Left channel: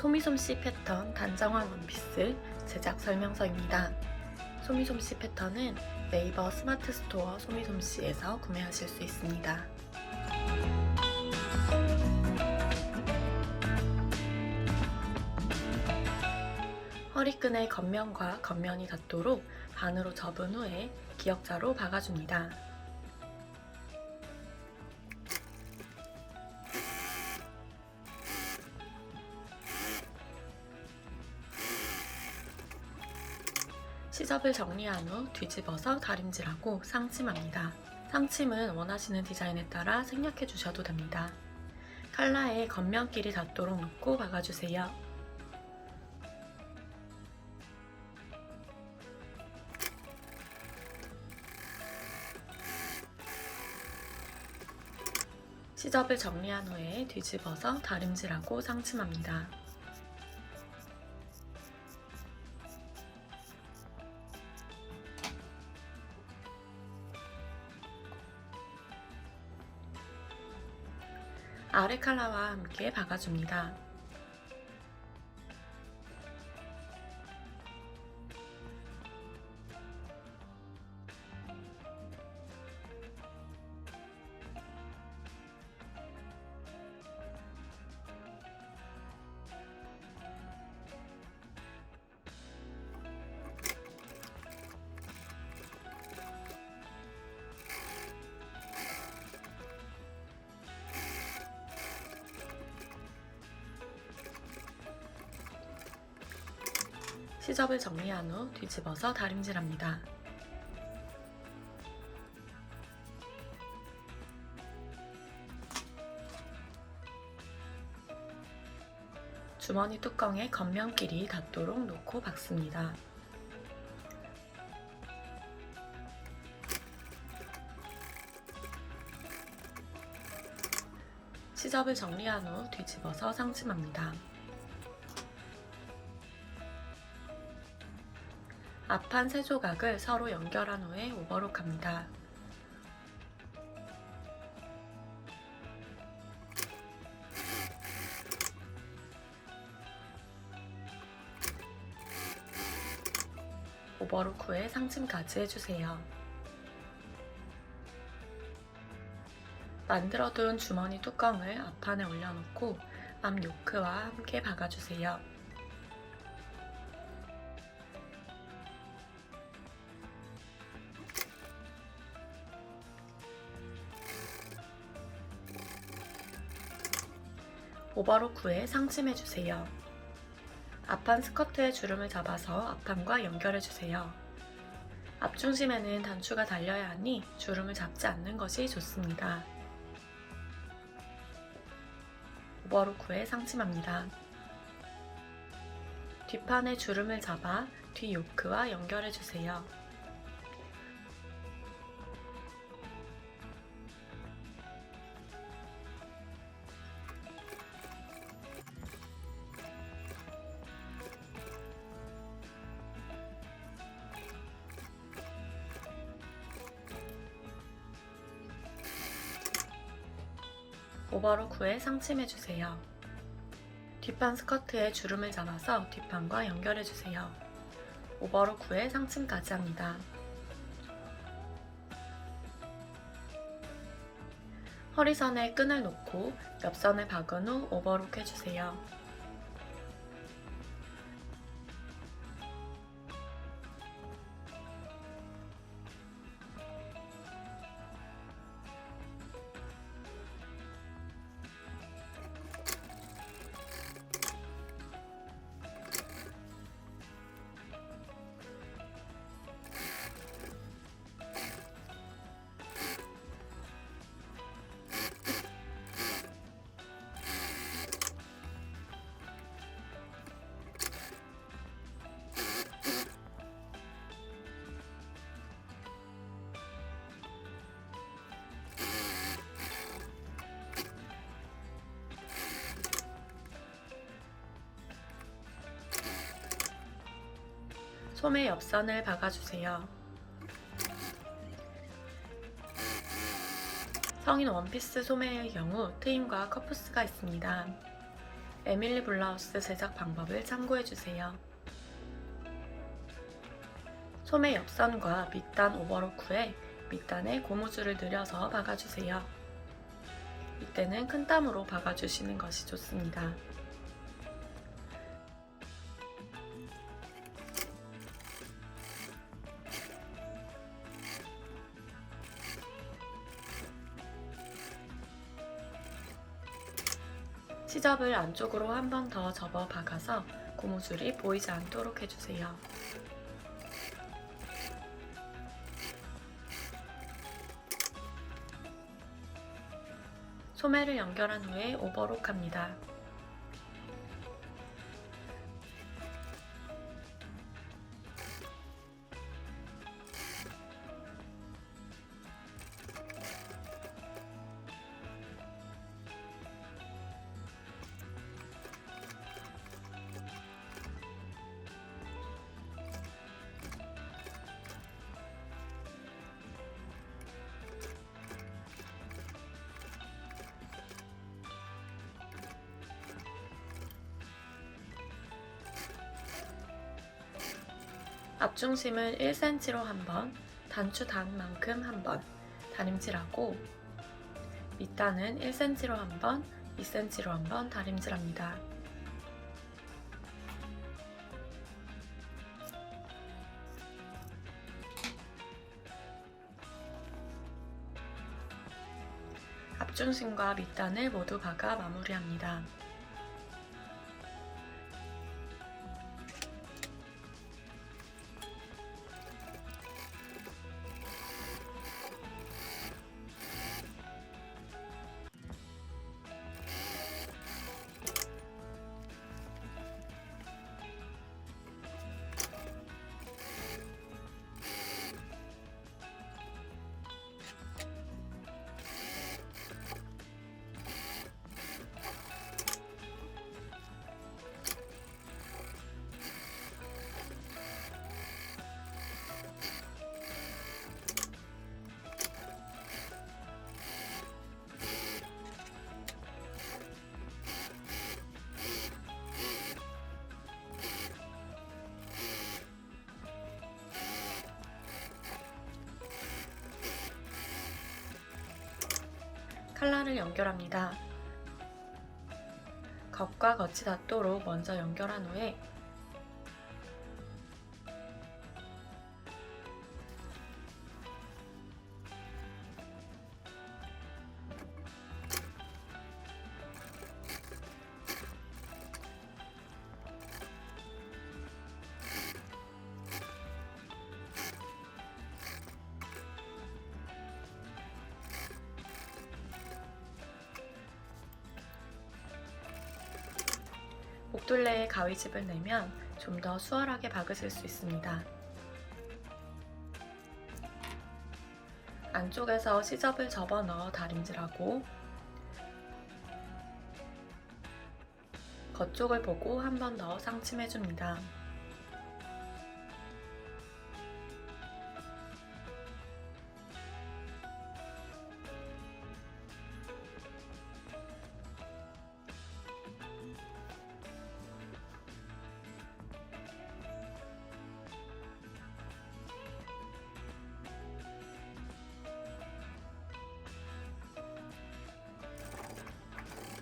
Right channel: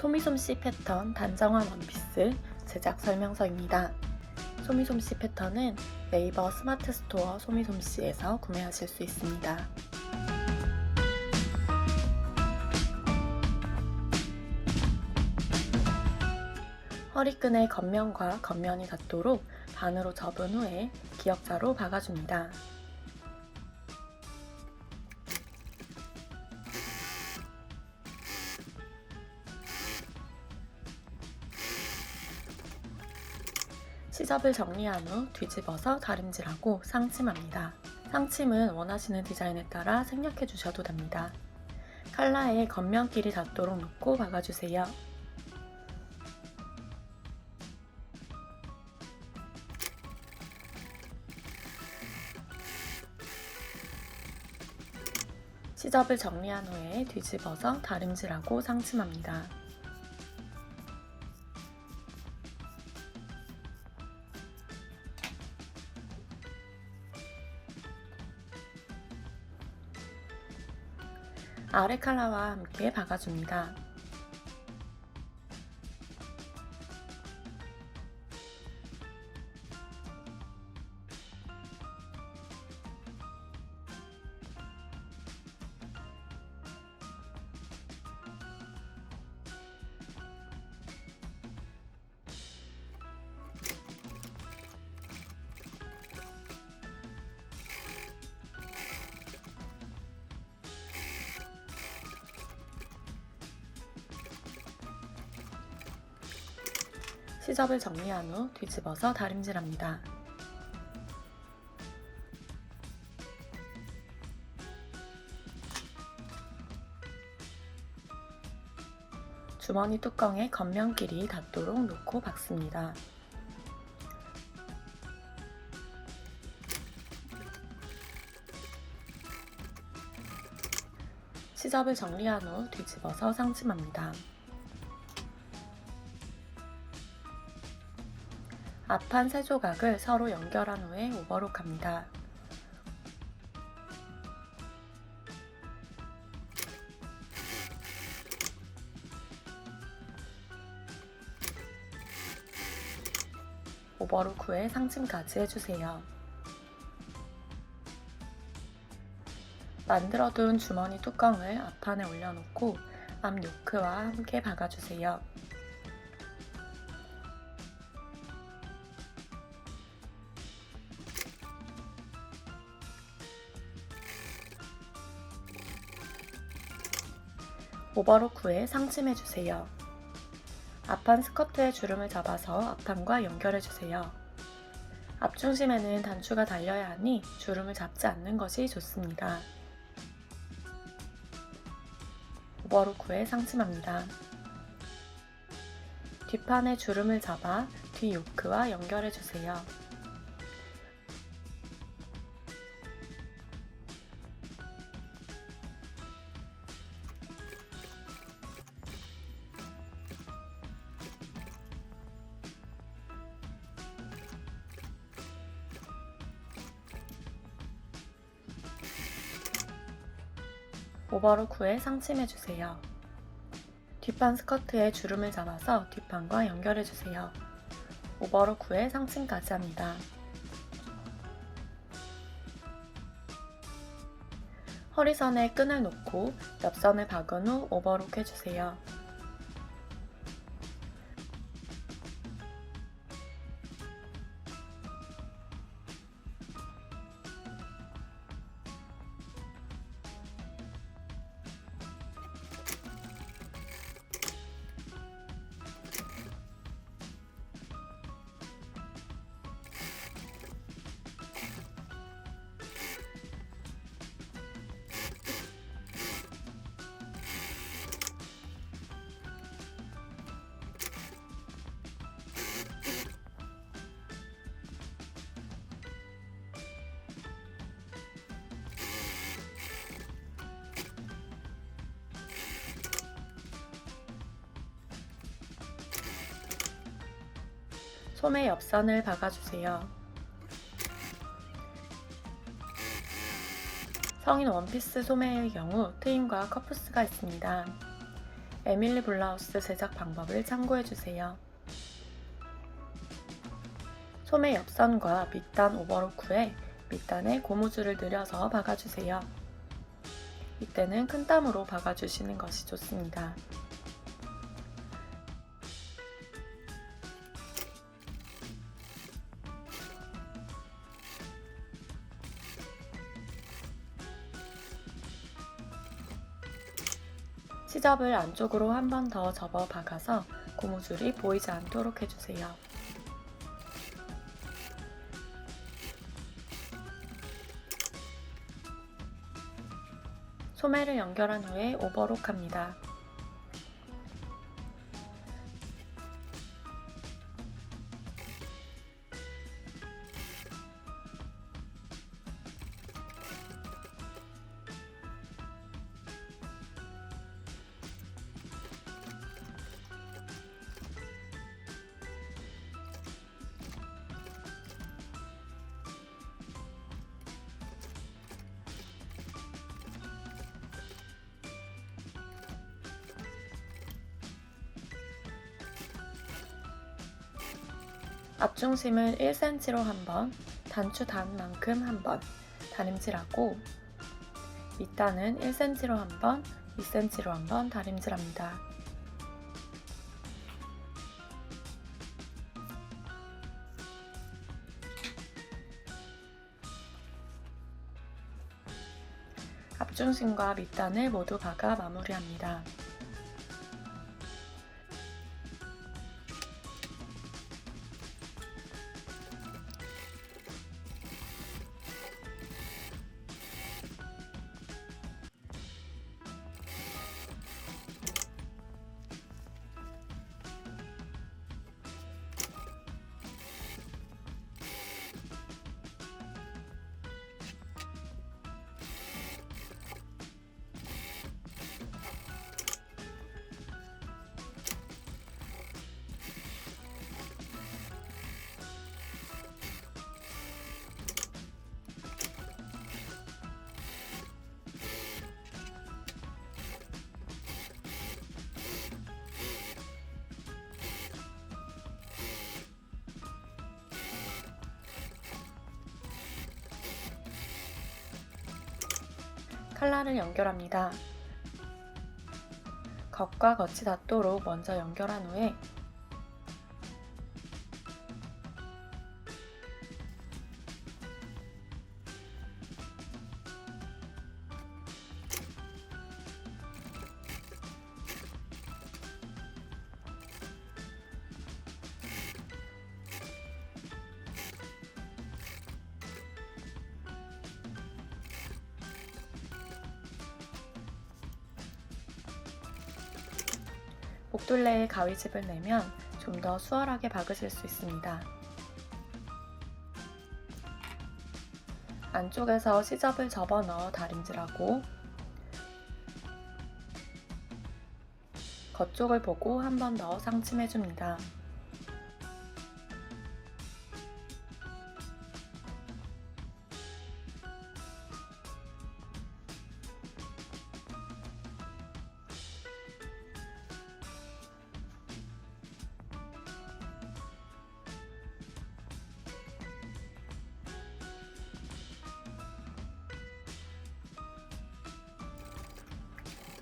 소미솜씨 패턴 단정한 원피스 제작 설명서입니다. 소미솜씨 패턴은 네이버 스마트 스토어 소미솜씨에서 구매하실 수 있습니다. 허리끈의 겉면과 겉면이 닿도록 반으로 접은 후에 기역자로 박아줍니다. 시접을 정리한 후 뒤집어서 다림질하고 상침합니다. 상침은 원하시는 디자인에 따라 생략해 주셔도 됩니다. 칼라에 겉면끼리 닿도록 묶고 박아주세요. 시접을 정리한 후에 뒤집어서 다림질하고 상침합니다. 아래 칼라와 함께 박아줍니다. 시접을 정리한 후 뒤집어서 다림질합니다. 주머니 뚜껑에 겉면끼리 닿도록 놓고 박습니다. 시접을 정리한 후 뒤집어서 상침합니다. 앞판 세 조각을 서로 연결한 후에 오버록합니다. 오버록 후에 상층까지 해주세요. 만들어둔 주머니 뚜껑을 앞판에 올려놓고 앞 요크와 함께 박아주세요. 오버록 후에 상침해주세요. 앞판 스커트에 주름을 잡아서 앞판과 연결해주세요. 앞중심에는 단추가 달려야 하니 주름을 잡지 않는 것이 좋습니다. 오버록 후에 상침합니다. 뒷판에 주름을 잡아 뒤 요크와 연결해주세요. 오버록 후에 상침해주세요. 뒷판 스커트에 주름을 잡아서 뒷판과 연결해주세요. 오버록 후에 상침까지 합니다. 허리선에 끈을 놓고 옆선을 박은 후 오버록 해주세요. 소매 옆선을 박아주세요. 성인 원피스 소매의 경우 트임과 커프스가 있습니다. 에밀리 블라우스 제작 방법을 참고해주세요. 소매 옆선과 밑단 오버록 후에 밑단에 고무줄을 늘여서 박아주세요. 이때는 큰 땀으로 박아주시는 것이 좋습니다. 시접을 안쪽으로 한 번 더 접어 박아서 고무줄이 보이지 않도록 해주세요. 소매를 연결한 후에 오버록 합니다. 앞중심을 1cm로 한 번, 단추 단만큼 한 번, 다림질하고 밑단은 1cm로 한 번, 2cm로 한 번 다림질합니다. 앞중심과 밑단을 모두 박아 마무리합니다. 칼라를 연결합니다. 겉과 겉이 닿도록 먼저 연결한 후에 목둘레에 가위집을 내면 좀 더 수월하게 박으실 수 있습니다. 안쪽에서 시접을 접어 넣어 다림질하고 겉쪽을 보고 한 번 더 상침해줍니다.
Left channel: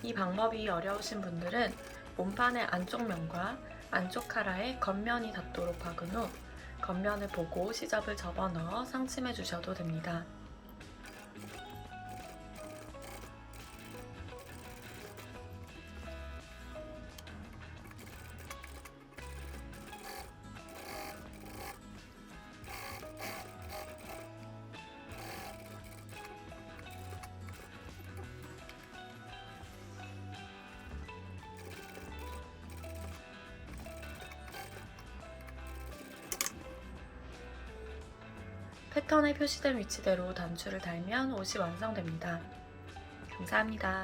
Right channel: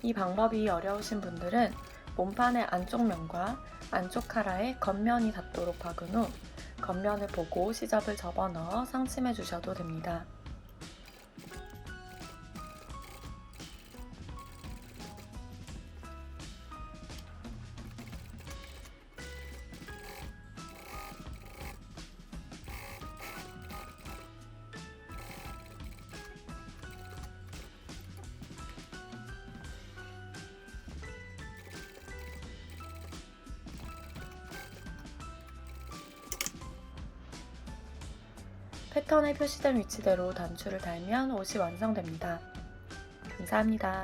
이 방법이 어려우신 분들은 몸판의 안쪽 면과 안쪽 카라의 겉면이 닿도록 박은 후 겉면을 보고 시접을 접어 넣어 상침해 주셔도 됩니다. 패턴에 표시된 위치대로 단추를 달면 옷이 완성됩니다. 감사합니다.